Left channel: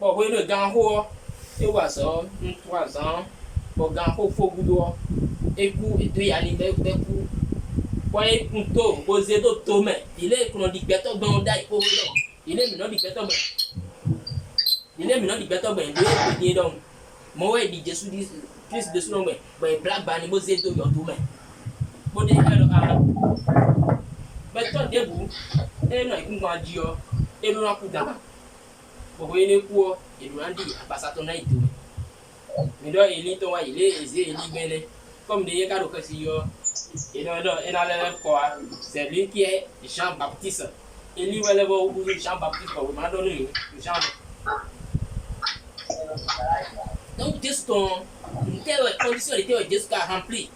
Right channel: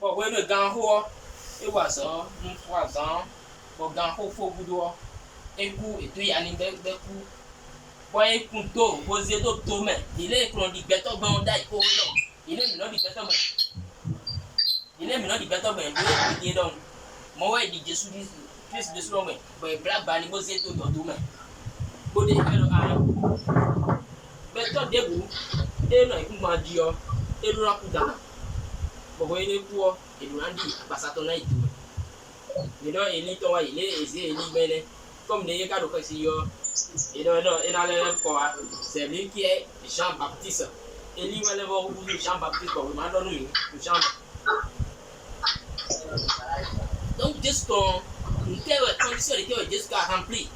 Bon, oui, le gars, et voilà ça, 3 ans, le gars, il faut que vous et tu y aller d'un coup. Point couteau, posé d'autres mains. Il est qu'on dit bêtons dans d'ail au dedans. Il est maintenant dit bêtons. Il est maintenant dit bêtons, ben, il est donc. Moi, il dit Jésus dit plus de son main. Ben, black bani, posé d'autres dans main. Bodé, alors, bêtons debout. Et non, il m'a dit, et nous a coup d'âme. Vous voyez les cours, et nous a dit, à ça ton aïe tout. Mais là, il est aisé, il est bien. Comme des gars de Cassie. Et non, c'est lui qui est Jean-Baptiste. Et lui, il va Jean-Baptiste pour me donner Jean. Donc, juste ton condition était jusqu'à remplir.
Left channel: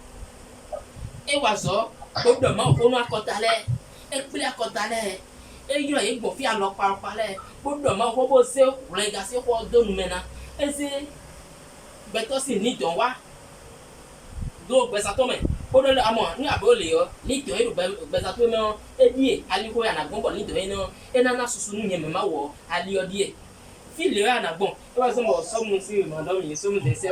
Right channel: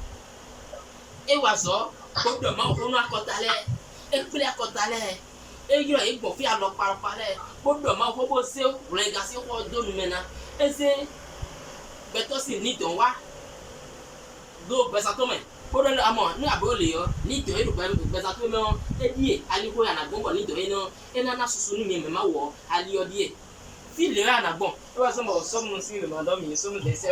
Et voilà, comme demain, on a cotalé, et puis la cotalé. Et il y a une bonne fille à leur parler. Comme demain, on va bosser, vous les gars, c'est quoi de nous maintenant. Et c'est. Mais toi, c'est ni ton roi. Donc, ben ça tombe. Pour le amant, nous avons les ni de ben ça tombe. Et dit, allez quoi, on a bon, ni de non. Et nana sous nous, même ma ou, allez au dit. Si le a bon, toi, sommes aussi, mon homme, ils sont des serres.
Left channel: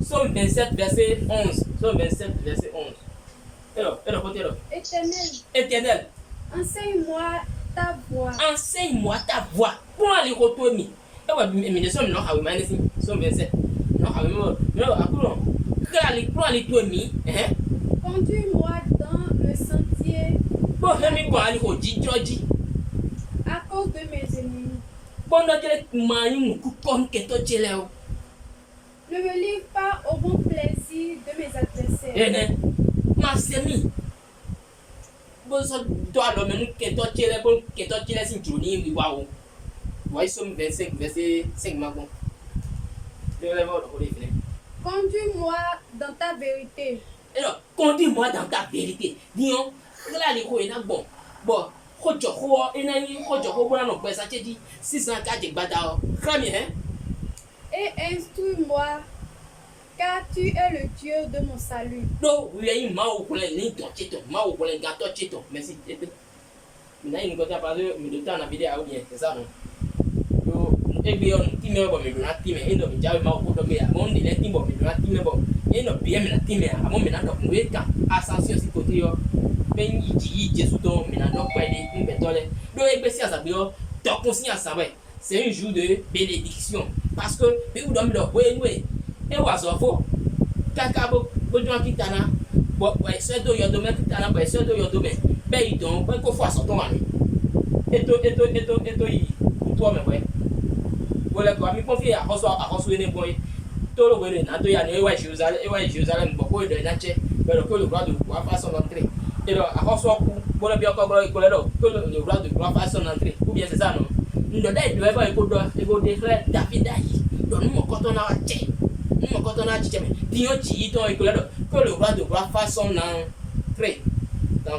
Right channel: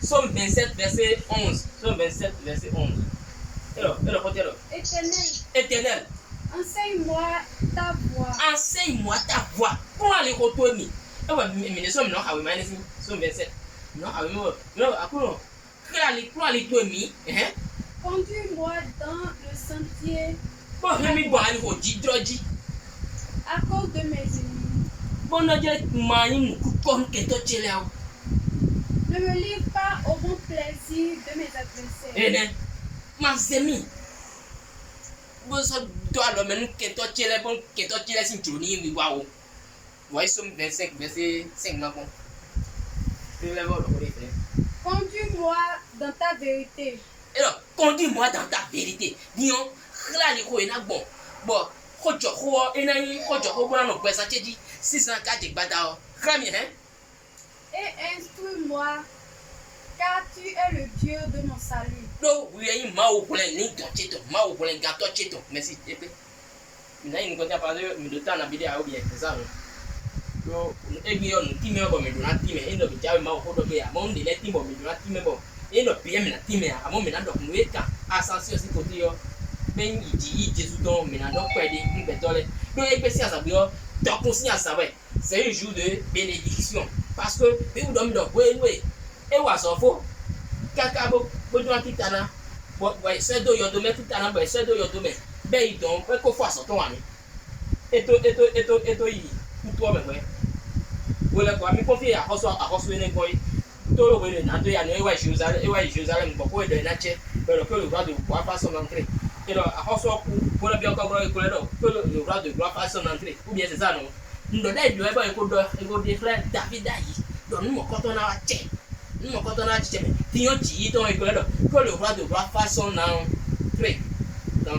Somme 27, verset 11. Somme 27, verset 11. Alors, Éternel. Enseigne-moi ta voix. Enseigne-moi ta voix. Pour aller retourner. Mais nous sommes non, à 27. Non, pour aller tourner. Conduis-moi dans le sentier. Pour aller retourner. À cause de mes ennemis. Ne me livre pas au bon plaisir de mes adversaires. Ma semi. Toi, le menu que toi, tu es bon, que toi, tu es si tu n'y vois. Voyez, somme 25, verset 5 maintenant. Conduis-moi dans ta vérité. Alors, conduis-moi dans ta vérité. Dis-on, là, les gros, il y a bon. Bon, Et instruis-moi, car tu es le Dieu de mon salut. Donc, oui, il y a une main au plein, ni ton titre, main au plein, gâteau titre. Merci. Maintenant, il nous a parlé de temps à vidéo, bien, c'est ça. Et bien, on dit, mais bon, mais on a dit, mais il ne peut pas me dire, mon délai, il ne peut pas me dire, il ne peut pas me dire, à mon ménage, donc, nous, quand, ascension, c'est côté, ben, il dit, Jésus, donc, mais non, pas aider, une pétole. Donc, il peut s'y assavoir, donc, conscience, c'est un jour de bénédiction. Parce que, vous dormez dans le way, et vous avez faux. Quelqu'un vous dit, Titana, c'est de your domaine, Titana, c'est de your domaine. Ben, il donne, ben, qu'on fasse son année. Et toi, mais, voilà quoi, mais confier à Roswell et Boy. Tout le monde n'a pas eu Jérusalem, beaucoup de nature, mais le roi de gloire fasse son entrée. Et là, à Roswell, pour le bien encore, que le roi de gloire fasse son entrée. Ou bien c'est ça, non? Nous donnons des frères David Aïe. Donc nous, quand on a tché, nous, quand on a tché, mais Dion Chi, que le roi de gloire fasse son entrée. Dans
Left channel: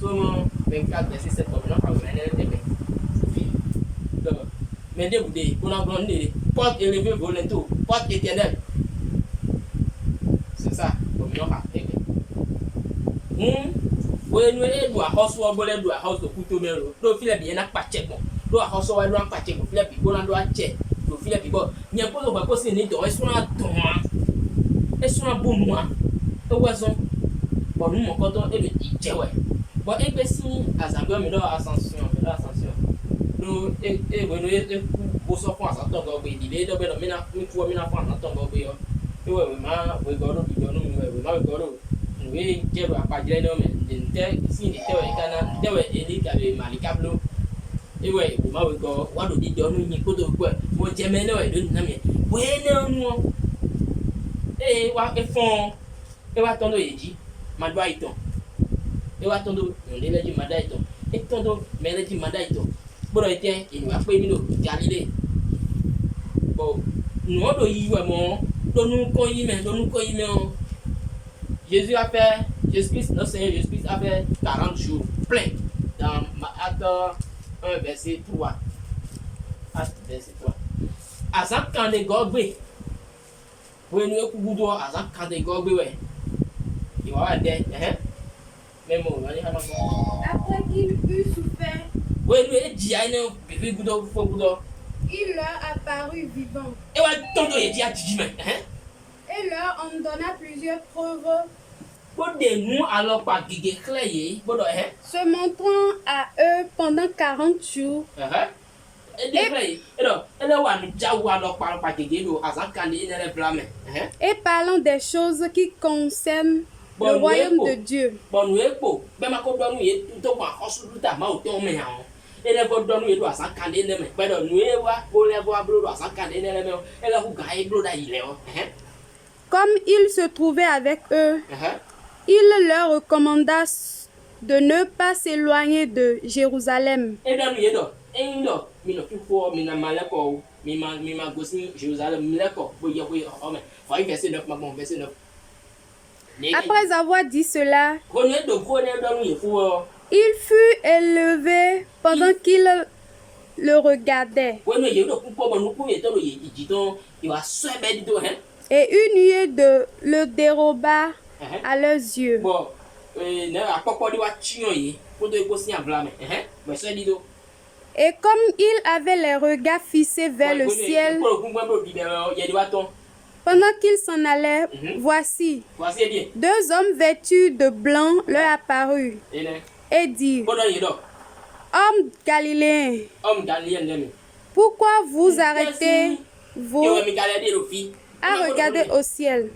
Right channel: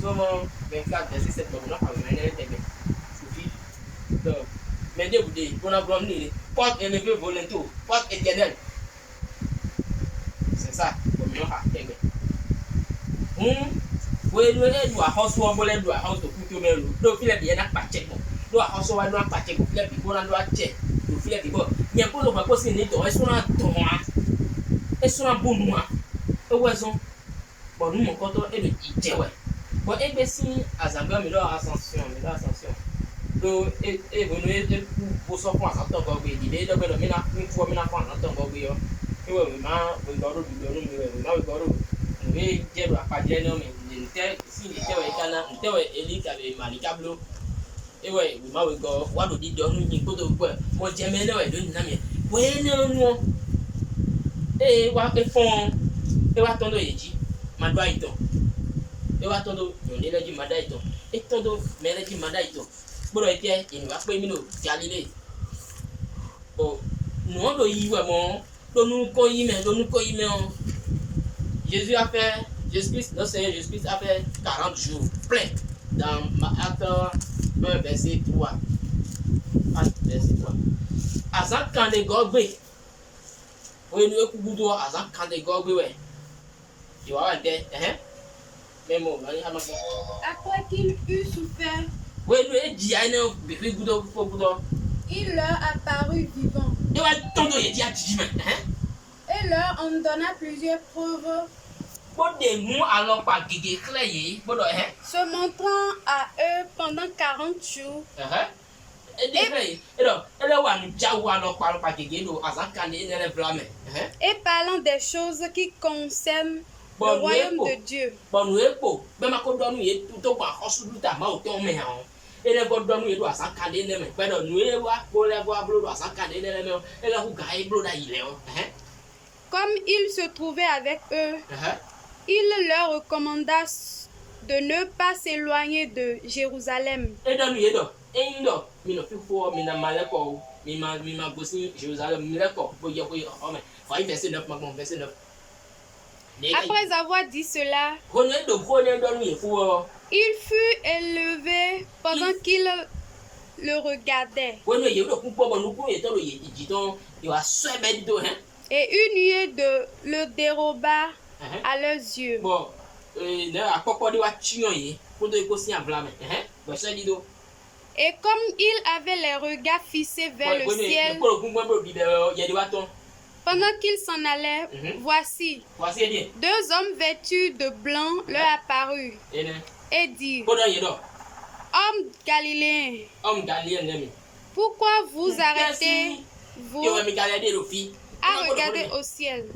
Somme 24, verset 7, on a pas le mais dégoûté, on a grandi, porte élevée volontaire, porte éternelle. C'est ça, comme nous avons fait. Oui, nous avons reçu un doigt, house de couteau, mais le filet bien n'a pas tché. Doit reçoit un pas tché, le filet bon, on doit tché. Le filet bon, il n'y a pas de réponse, il n'y a pas de réponse. Et sur un bon noir, et oiseau. Bon, nous, mon canton est le tché, ouais. Bon, et bien si, à sa mais là, ascension. No, pour son point, ça tombe au pays. Il est de mina, une fois, mina, fan, ça tombe au pays. Et ouais, we go to we get a padre, no, mais si il était élite à les malicablo. Et ouais, we go, what do you do? Nous, go to quoi? Moi, j'aime bien, ouais, de n'amer. Ouais, non. Et what a fond, et what on dit, ma doigt. Et what on do, on est là, du madaito. Et ton dos, mais là, du madaito. Bon, il va pas éminer Galilée. Bon, nous on doit y voir mon, nous Jésus a fait, Jésus-Christ, notre Seigneur Jésus-Christ a fait 40 jours plein dans Acte 1, verset 3. Acte verset 3. À ça, quand les gobés, Oui, nous écoutons à ça quand des gars, ouais. Il va avoir des, même on va dire, Après qu'il eut souffert, oui, nous dit, il y a un bébé goudon, faut goudon. il leur apparut vivant Et ouais, ton il dit à Tijima, et leur en donna plusieurs preuves, Pour des mots, alors pas guégué clé, bon, se montrant à eux pendant 40 jours. Et des clés, et donc, elle a un jaou, alors parle pas guégué, à ça quand il est blâmé, Et parlant des choses qui concernent le royaume de Dieu. Bon, nous est beau, même à côté de nous, il est tout au moins, en sous ta main, au ton mais et les gars nous, il doit s'en caler, mais nous est voir, pour les voir, à s'en caler, et là, vous gagnez, il est, Comme il se trouvait avec eux, il leur recommanda de ne pas s'éloigner de Jérusalem. Et dans nous, et non, il ne fait pas, il n'a mal quoi, il m'a gossé, Jérusalem, d'accord, vous y avez, oh, mais, faut y verser 9, maman, verser 9. Après avoir dit cela, il fut élevé pendant qu'il le regardait. Et une nuée le déroba à leurs yeux. Et comme il avait les regards fixés vers le ciel, pendant qu'ils s'en allaient, voici, deux hommes vêtus de blanc leur apparurent et dirent, Hommes galiléens, pourquoi vous arrêtez-vous à regarder au ciel?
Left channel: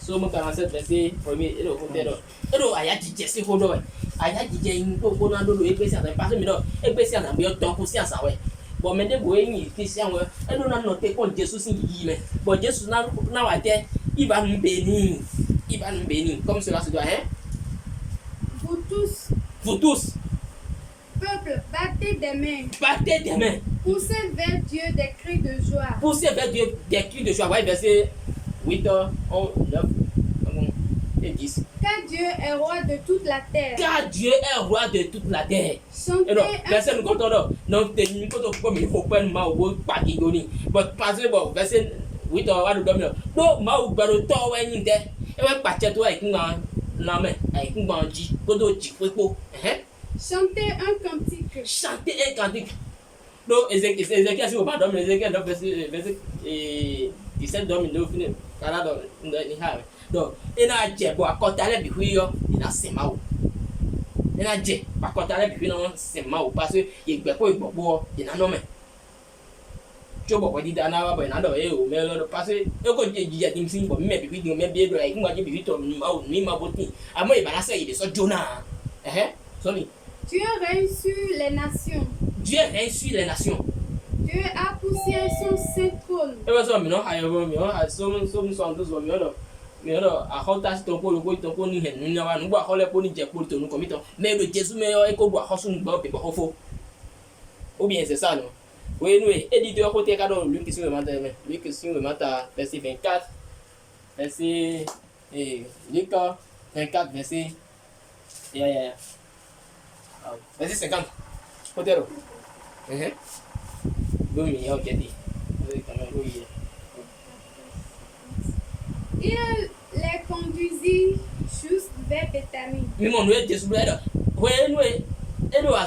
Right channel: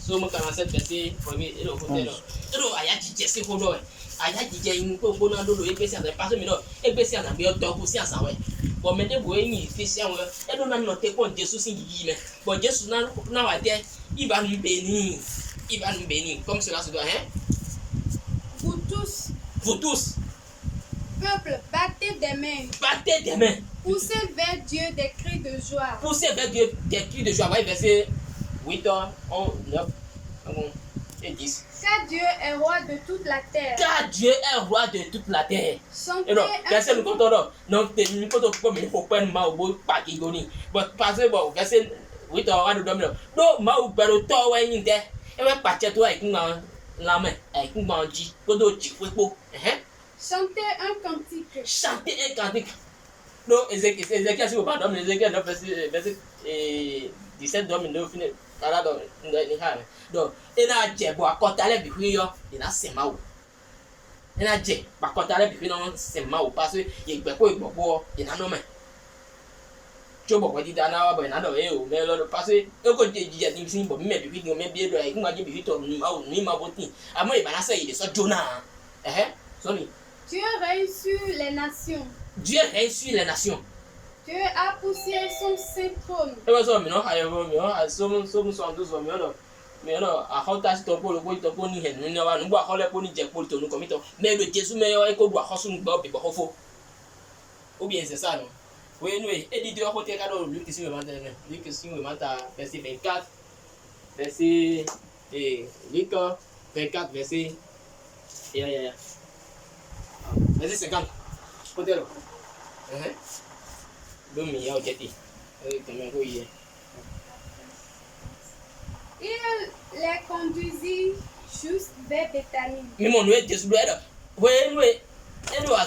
Somme 47 verset 1er et le côté là. Et le aya DJ c'est hodo. Aya DJ in ko ko na do do epesi asa passe mi no epesi asa bi o to ku si asa we. Bo me de go yin ipesi an we. E do na no te kon Jesus sin yi me. Bo Jesus na wa de iba nu beni comme cela se doit Vous tous, peuple, battez des mains. Poussez vers Dieu des cris de joie. Ouais, verset 8, 11, 9, et 10. Car Dieu est roi de toute la terre. Chantez verset nous comptons là. Non, nous comptons comme il faut pas mal au pas qui donne. Parce que bon, verset 8 roi de domino. Donc, ma ou baro to wa yin de. E wa pa che to ai kun la main, ai kun ba ji, ko do ji fo. Chantez un cantique. Donc, Ézéchiel, si vous pardonnez, Ézéchiel, verset 17 domino fini. Donc, il a dit, bon, quand tu as les bijoux, il a ses mains. Il a dit, quand tu as les bijoux, c'est mains parce que il y a quoi, il y a un homme. Tu vois, il y a un homme, il y a un homme, mais le passé, il y a des gens qui me disent, mais bien, il y a des gens qui me disent, à moi, il va lancer, il est sur Jonah. Dieu règne sur les nations. Dieu a poussé son saint trône. Mais alors, à Hotas, ton pôle, ton pôle, ni hen, ni na nous boire les pôles, ni pour ton comité. Mais le Jésus meilleur est qu'on doit recevoir un bob et pas faux. Ou bien c'est ça, non? Oui, nous, éditeur côté cadeau, Luc qui le matin, Luc qui le matin, verset 24, verset, Luc 24, verset, verset 50. Côté là. Donc, il y a ok, dit. Il les conduisit juste vers Béthanie. Mais mon noué Jésus là. Oui, nous, et nous à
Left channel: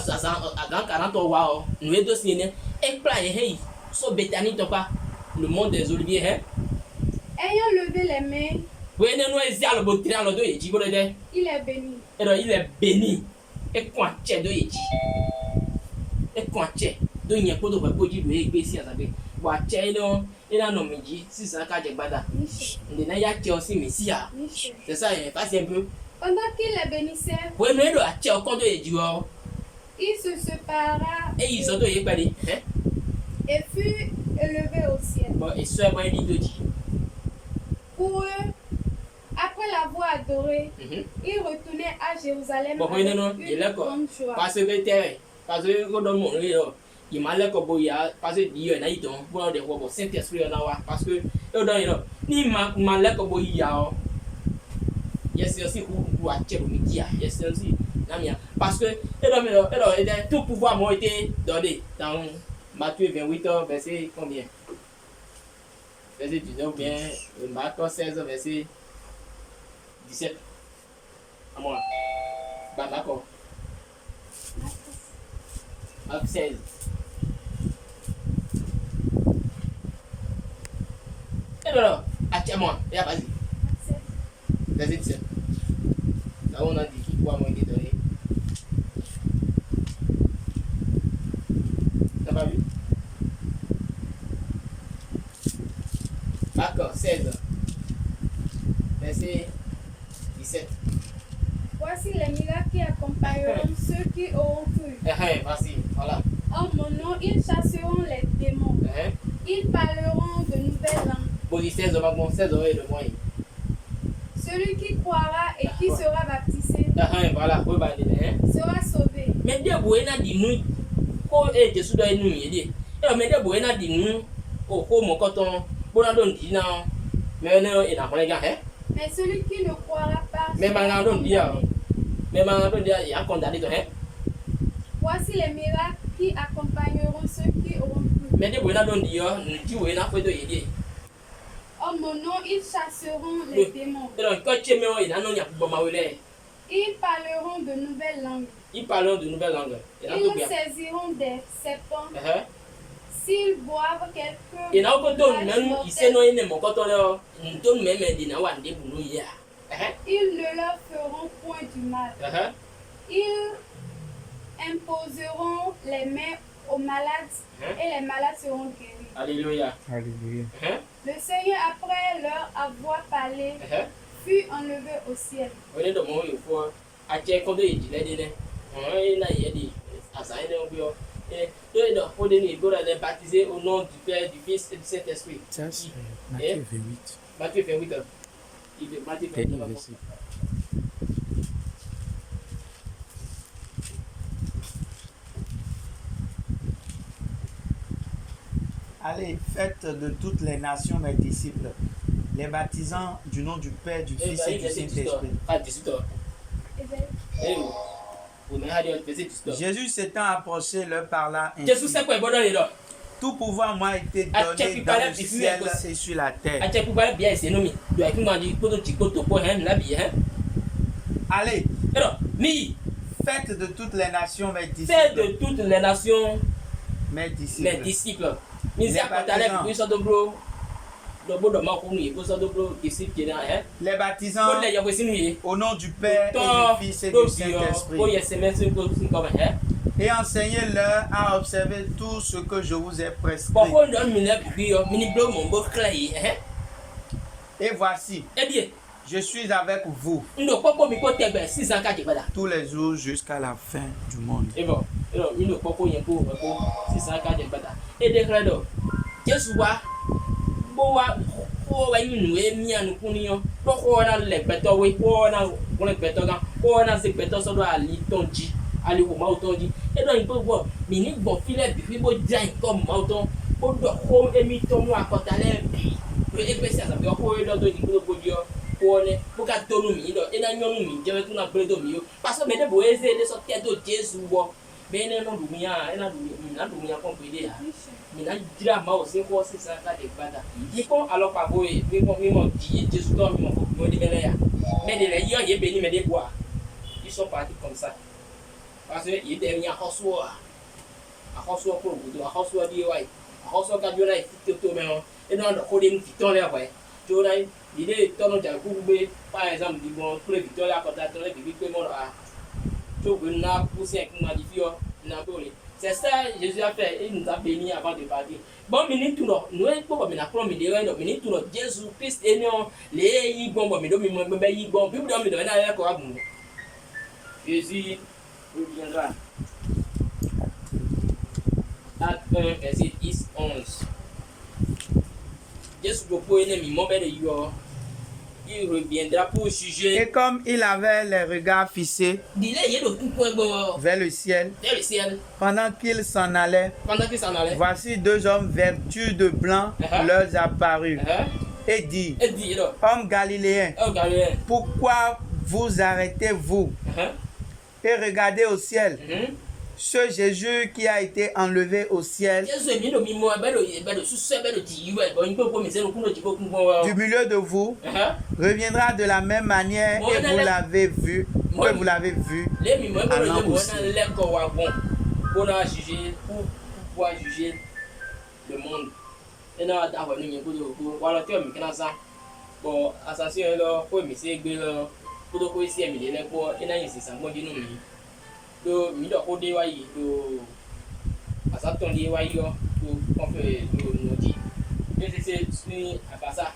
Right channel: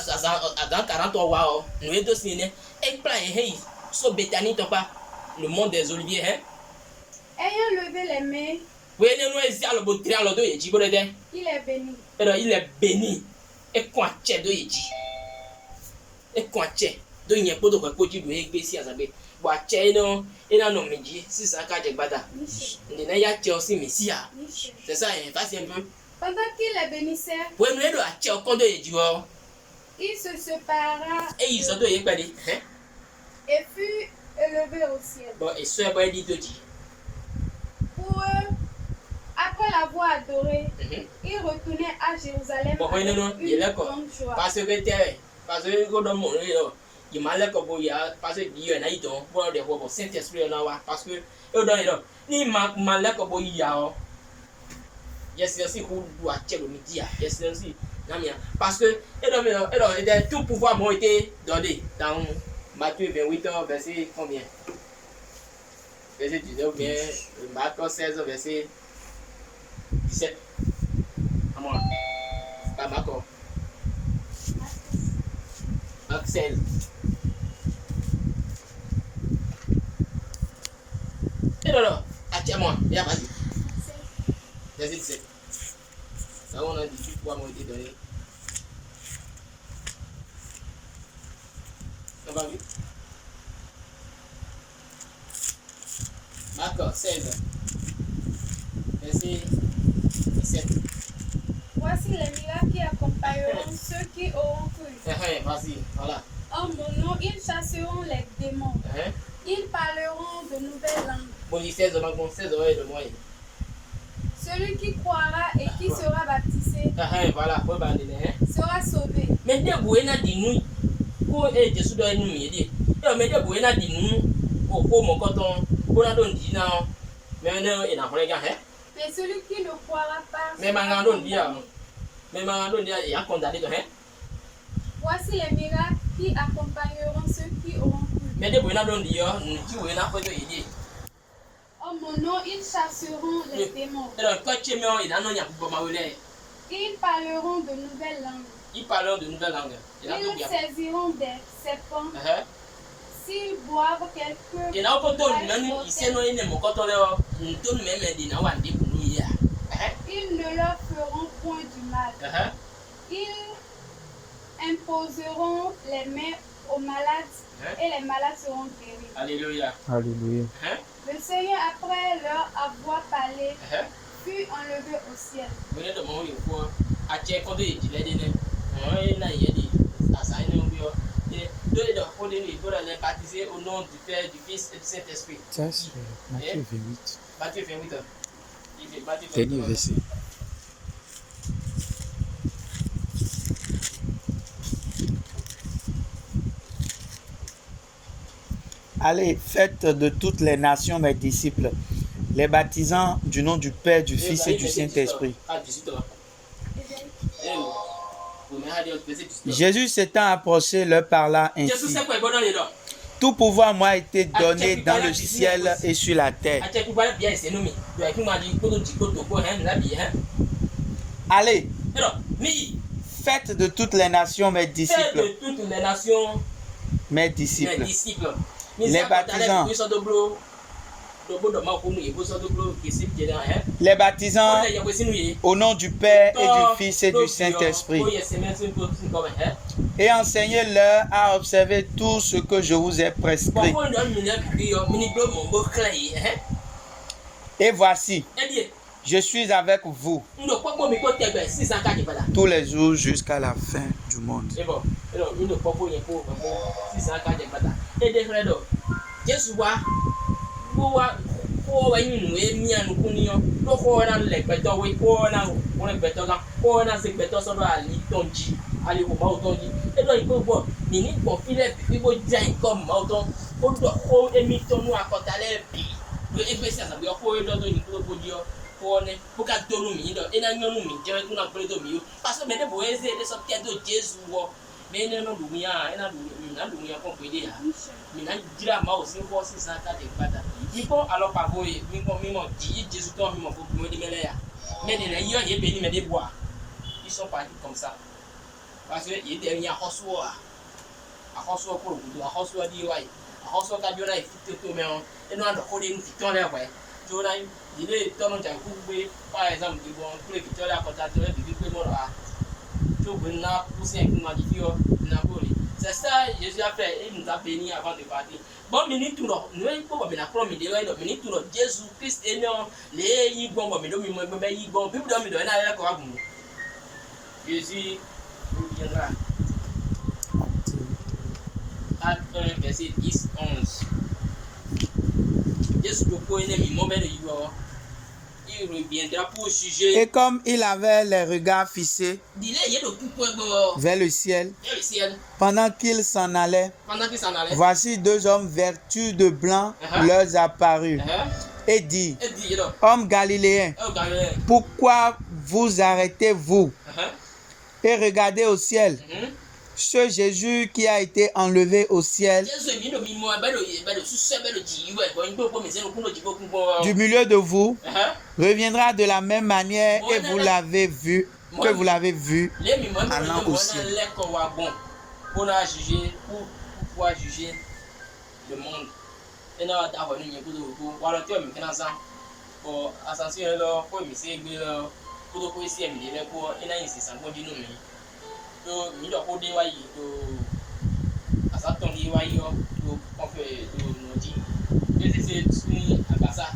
dans 43 wa, nous est aussi né. Et plan hey, so Béthanie ton pas le monde des oliviers Ayant levé les mains. Oui, nous est le beau triangle de Yeji bolede. Il est béni. Alors il est béni. Et quoi tché de Yeji. Et quoi tché de yen podo ko poji do e gbe si asabe. Wa tché no et là non meji 600 de bada. On a ya tché aussi Messia. C'est ça, passe un peu. Pendant qu'il les bénissait, oui, nous est à tché au compte de Yeji. Il se sépara et ils ont donné et fut élevé au ciel. Bon, et ce est dit de dire. Pour eux, après l'avoir adoré, il retournait à Jérusalem bon, avec non, une grande joie. Parce que quand dans mon il m'a l'air comme il y a parce que il y en a eu donc pour des fois Saint-Esprit là parce que eux dans les ni m'a l'air comme il y a yes aussi ou à tchèque midi yes aussi parce que et tout pouvoir m'a été donné dans Matthieu 28 verset combien verset 19 ou bien Marc 16 verset 17 à moi pas Marc 16 et alors moi vas-y verset 17 là on a dit tout pouvoir m'a été donné. T'as pas vu? D'accord, 16. Verset 17. Voici les miracles qui accompagneront ceux qui auront cru. Vas-y, voilà. En mon nom, ils chasseront les démons. Ils parleront de nouvelles langues. Bon, 16 oreilles de moi. Celui qui croira et qui sera baptisé voilà, sera sauvé. Mais Dieu n'a dit nous, pour être sous la nuit. Et mais Dieu n'a dit nous, au mon coton, pour la donner non. Mais non, et dans les gars, mais celui qui ne croira pas. Mais Mangadon dit, il y a condamné de rien. Voici les miracles qui accompagneront ceux qui auront cru. Mais Dieu n'a pas dit, nous disons, il n'a pas dit. En mon nom, ils chasseront les démons. Ils parleront de nouvelles langues. Ils saisiront des serpents. S'ils boivent quelque ils ne leur feront point du mal. Ils imposeront les mains aux malades et les malades seront guéris. Alléluia. Alléluia. Le Seigneur, après leur avoir parlé, fut enlevé au ciel. Baptisé au nom du Père, du Fils et du Saint-Esprit. Ça, c'est Matthieu 28. Matthieu 28. Dernier verset. Allez, faites de toutes les nations mes disciples, les baptisant du nom du Père, du Fils et du Saint-Esprit. Jésus s'étant approché leur parla ainsi. Tout pouvoir m'a été donné dans le ciel et sur la terre. Allez, faites de toutes les nations mes disciples. Faites de toutes les nations mes disciples. Les baptisant au nom du Père et du Fils et du Saint-Esprit. Et enseignez-leur à observer tout ce que je vous ai prescrit. Et voici, je suis avec vous tous les jours jusqu'à la fin du monde. Ils sont partis comme ça. Parce qu'il était venu à Hossoa. À Hossoa pour le bout. À Hossoa dit ouais. À Hossoa quand il y a une petite tour, mais on a encore une petite tour là, ouais. Tu vois, il est tourné dans le couvert, par exemple, du bon, pour les victoires là, quand tu as tourné, tu vis comme là. Tu vois, poussé un coup, c'est ça que Jésus a fait. Il nous a bénis avant de partir. Bon, minute tout là. Nous n'avons pas la première minute. Minute tout là. Jésus Christ est né. Les yigons, bon, mais nous, yigons. Puis, nous, nous, nous, Jésus reviendra. Acte 1, verset 10, 11. Jésus propose une mauvais de Yo. il reviendra pour juger. Et comme il avait les regards fixés vers le ciel, pendant qu'il s'en allait, voici deux hommes vêtus de blanc leur apparurent et dit, hommes galiléens, pourquoi vous arrêtez-vous et regardez au ciel? Ce Jésus qui a été enlevé au ciel du milieu de vous reviendra de la même manière et vous l'avez vu, que vous l'avez vu allant au ciel. Pour pouvoir juger le monde. Et là, d'avoir une pour voir que bon, attention, là, pour me c'est que pour que c'est mis les pour et là, c'est ça, bon, dis nous. Donc, il doit coder wai, à ça, ton dit wai, on fait nous dit. Et c'est à ça.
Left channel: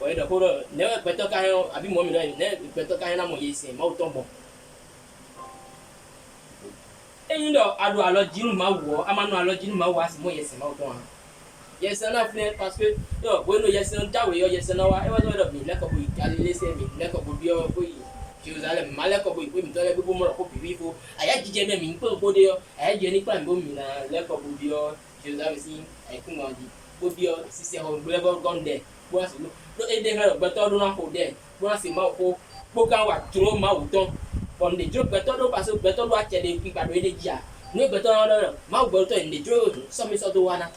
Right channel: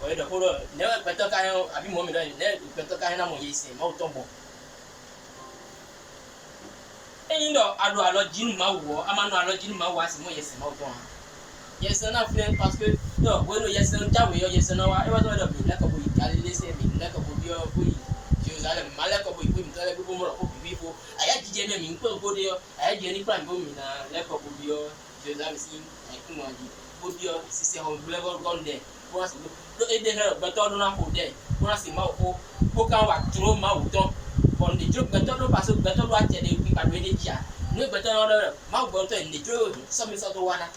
Ouais, donc, ne peut-être qu'un abi moi, mais ne peut-être qu'un amour ici, mais autant bon. Et il doit alors dire ma voix, à ma alors dire ma voix, c'est moi, yes, ma autant. Yes, na friend parce que no bueno yes nta we yes na wa e wa do bi la ko bi ali se mi la ko bi o ko yi Jerusalem mala ko bi mi tole bi mo ko bi fo aya jije me mi ko de yo aya je ni plan bo mi na la ko bi o Jerusalem si ai ku mo di bo bi o si se ho bi level gone there bo si no e de na beto do na ko there bo si ma ko bo kan wa tro ma u ton on de jo beto do paso beto do a te de bi pa do de dia no beto no ma u beto en de jo so mi so do wana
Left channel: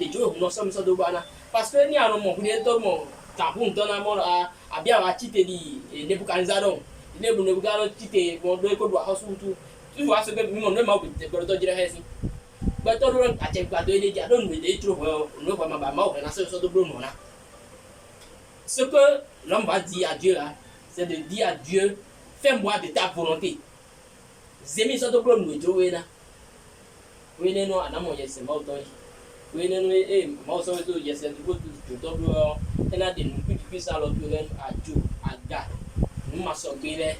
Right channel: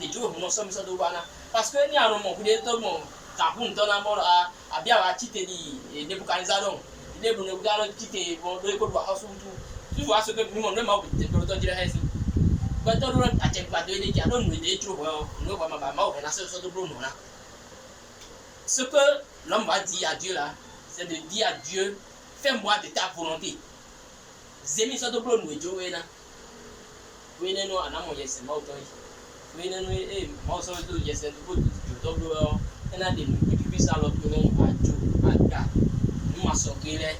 les jours nous sommes sur deux bana parce que ni à mon coup de tout mon capon dans la mort à bien à titer dit des boucanzadon les bonnes gars titer bon de quoi doit tout tu vois ce que nous on ne m'a pas de proto dire ici mais tout le monde a été pas de les dire non mais trop non pas ma maman on a ce de bon là ce que l'homme va dire à Dieu là c'est de dire à Dieu fais-moi de ta volonté zemi ça de bon nous Dieu là oui non à mon yes c'est mort we no e ma so do yes and go to double and I didn't put this out of them aga no ma so gele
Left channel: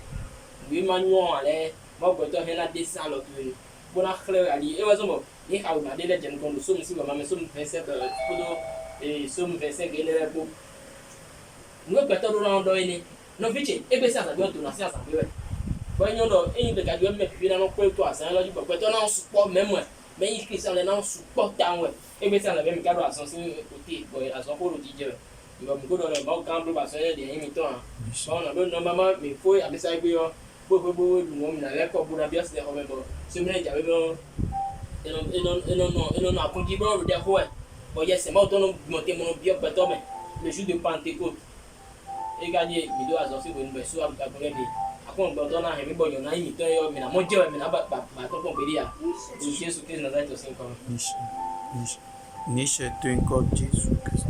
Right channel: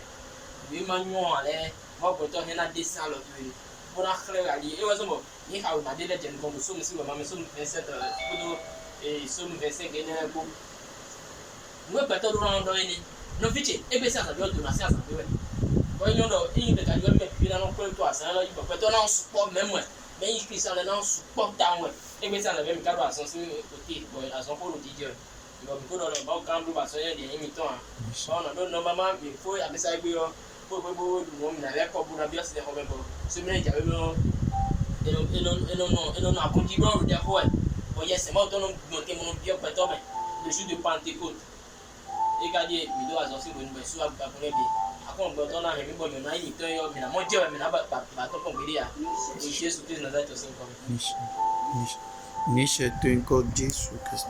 we manual le ma go to hena this out of them bona clear ali e was mo ni how na de legend come so mi ma me so mi pensé to e so mi pensé que ne bo no go to do no ni no fiche e be sa do na sa be bo nyo do e be ka do me pi na no ko to asa na go to na support même mais il Christian là non support ta ouais et bien ça la même cadre à son côté à son côté Dieu il va beaucoup dans le bon camp de passer des imitants on a d'autres maman mais faut à ça que pour nous on avait pas pour la bien c'est quand même ce mais il y avait non à conduire dans le derrière oh yes c'est moi ton monter mon bien mais le jour de Pentecôte et gagner vidéo à sortir une belle soit à pour on doit donner un bon yon a imité yo mais na mo je mais na ba to kon beli ya Jésus Christ Nazareth to sin ko niche tu encore Jésus Christ.